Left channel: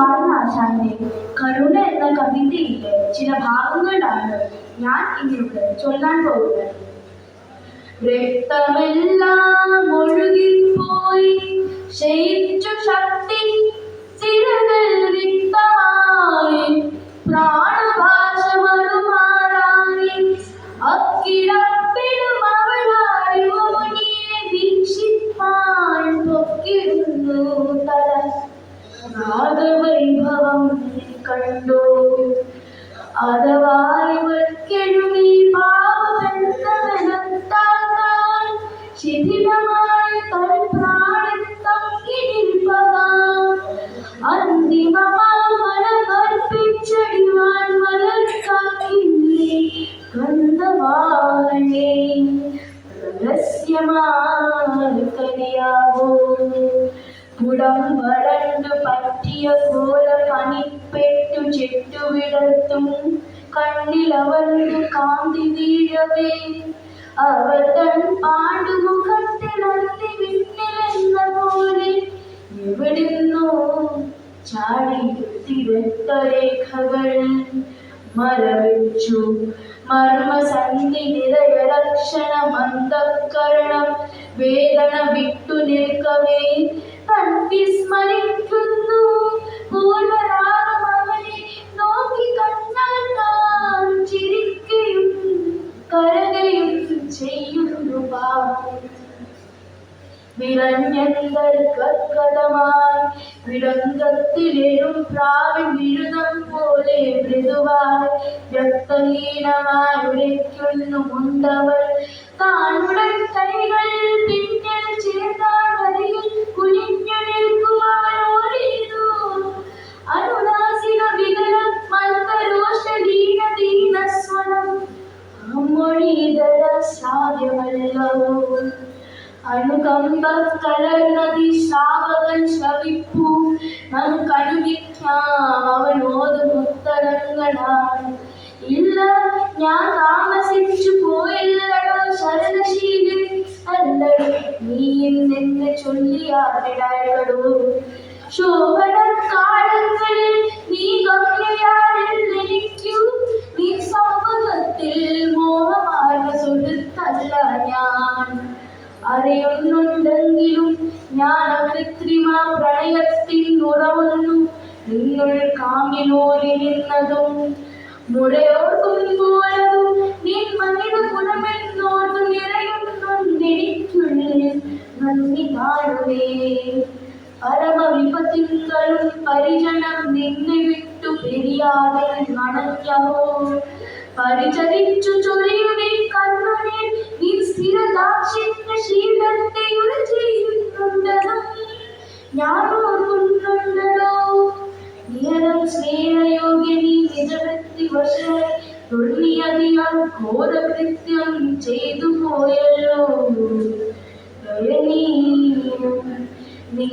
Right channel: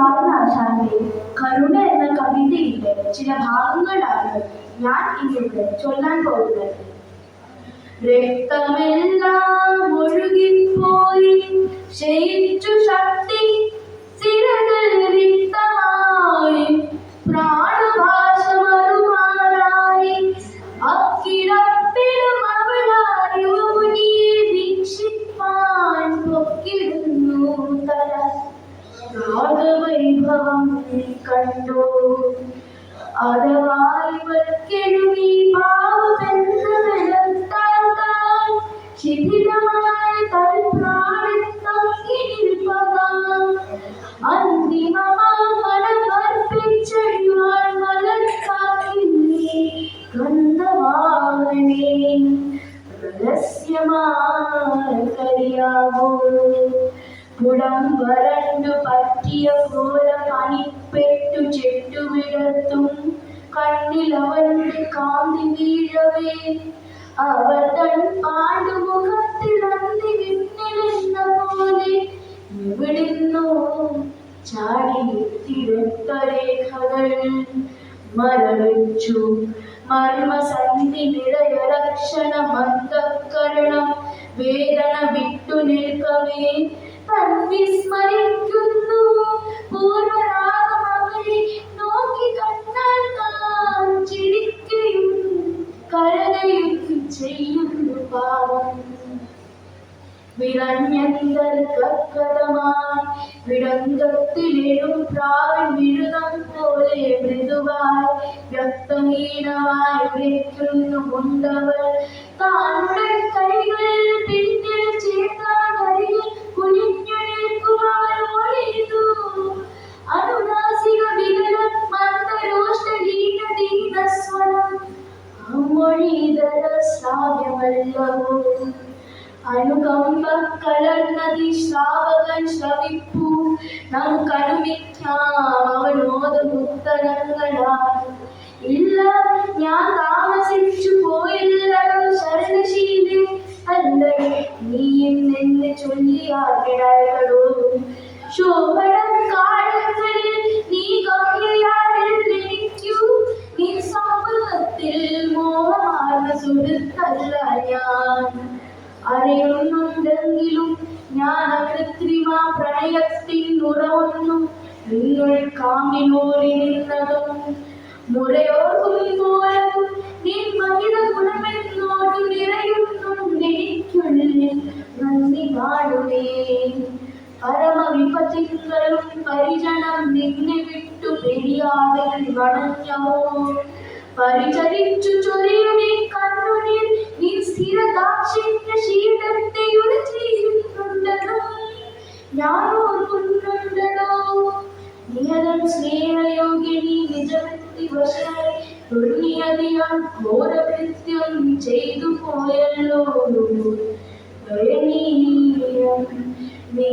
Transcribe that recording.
കുമാരനാശാന്റെ കരുണ എന്ന കവിതയിലെ ചില ഭാഗങ്ങളാണ് ഞാൻ ഇന്നിവിടെ ചൊല്ലാൻ പോകുന്നത്. രക്തമെല്ലാം ഒഴുകിപ്പോയി ക്ഷയിച്ചു ശക്തി സിരകൾ റിക്തമായി പ്രാണഭാഷ മറുമാറായി അക്കിടപ്പിലും അവളായി മുനിയെ വീക്ഷിപ്പാൻ പൊക്കിടുന്നു തല. രാഗവൈഭവം കണ്ടോ അതവായി വൽക്കെഴുമി പാവബന്ധമെനത്താൽ ശിഥിലമായ തൽപ്രാണത്തങ്ങിനിൽപ്പതാം അന്തിമമാം മനമർപ്പിച്ചടിവാൻ മലർക്കാക്കില്ലേ ഗന്ധവാഹനേ രഹസ്യമാർക്കറിയാവോ കുടം വരണ്ടു പറ്റിയ ഘോര പനിപ്പെട്ടു ചെട്ടുവിടർത്തും കണ്ണിലവന്റെ കാന്തി വീഴവേ അവർ തൻ പാണ്ടുമുഖത്തിൽ അന്തി വിണ്ണിലെന്ന പോലെ എവിടുന്നോ ചാടിയെത്തിരക്തരേഖകൾ മരവിച്ചു മർമ്മസന്ധി നിറയ ലക്ഷണ മന്ദക്കരണം വേദന വിട്ടു നിൽക്കവേ വിസ്മരിക്കുന്നു പൂർവരാഗം അവനെ നോക്കി കണ്ടാൽ താൻ ചിരിക്കുകയും കരകയും ചെയ്യുന്നു പാവം. വിറഞ്ഞന്തർക്കതമായി വിടങ്കത്തിലെഴും പ്രാവിൻ വിഴുതം പോലെ മൃദുവായി വ്യക്തഹീനമായി ഉരയ്ക്കുന്നു മുണ്ടവൾ താനുടൻ കൈകൾ പിന്നിൽ ചേർത്താൻ വരിയിൽ കുനിഞ്ഞു നിൽക്കുമവനോടിതു അനുനാസിക വികലം മന്ദരോഷ്ടലീന ദീനസ്വരം അമ്മൊഴിതര ശ്രാവ്യമല്ലവോ അനുകമ്പ കലർന്നതി ശ്രാവകൻ ശ്രവിപ്പു നമുക്കനുമിക്കാം അവനോതും ഉത്തരങ്ങളാണ്. ഇല്ല ഞാൻ താമസിച്ചു പോയില്ലടോ ശരണശീലൻ അല്ലടോ നീയും നിന്നെ ചൊല്ലിയാടോ ശോഭനം കാലങ്ങളിൽ നീ ഗമ്യയാണെനിക്കു നീ സൗഭഗത്തിൽ മോഹമാർന്ന സുഹൃത്തല്ല ഞാൻ അറിയുന്നുണ്ടെങ്കിലും ഞാൻ കൃത്രിമ പ്രണയത്തിൻ ഉറവുന്നു നിങ്ങൾ കാമിലോരി നിന്നതും മുഴയോർക്കുമ്പോഴതും നിൻ മനിത ഗുണമെന്നോട്ടു നിറയുന്നുണ്ടെനിക്കുള്ളിൽ നന്ദി കാണുവേ പരമവിപത്തിങ്കളും പരിജനം നിന്നെ വിട്ടു പെരിയാതെ വണഞ്ഞവോ പരിചരിച്ചു ചൊരിയുവിൻ കണ്ണുനീർ നീ സ്ഥിരദാക്ഷിണ്യ ശീലത്തെ ഉര ചെയ്യുന്നുണ്ടതും ഞാൻ ഓർക്കുന്നുണ്ടല്ലോ നിയതം സ്നേഹയോഗ്യനി നിജവൃത്തി വശമായി തുള്ളിയതിയാൽ ഘോരകൃത്യം ചെയ്തു പോയല്ലോ ദയനീയം നീ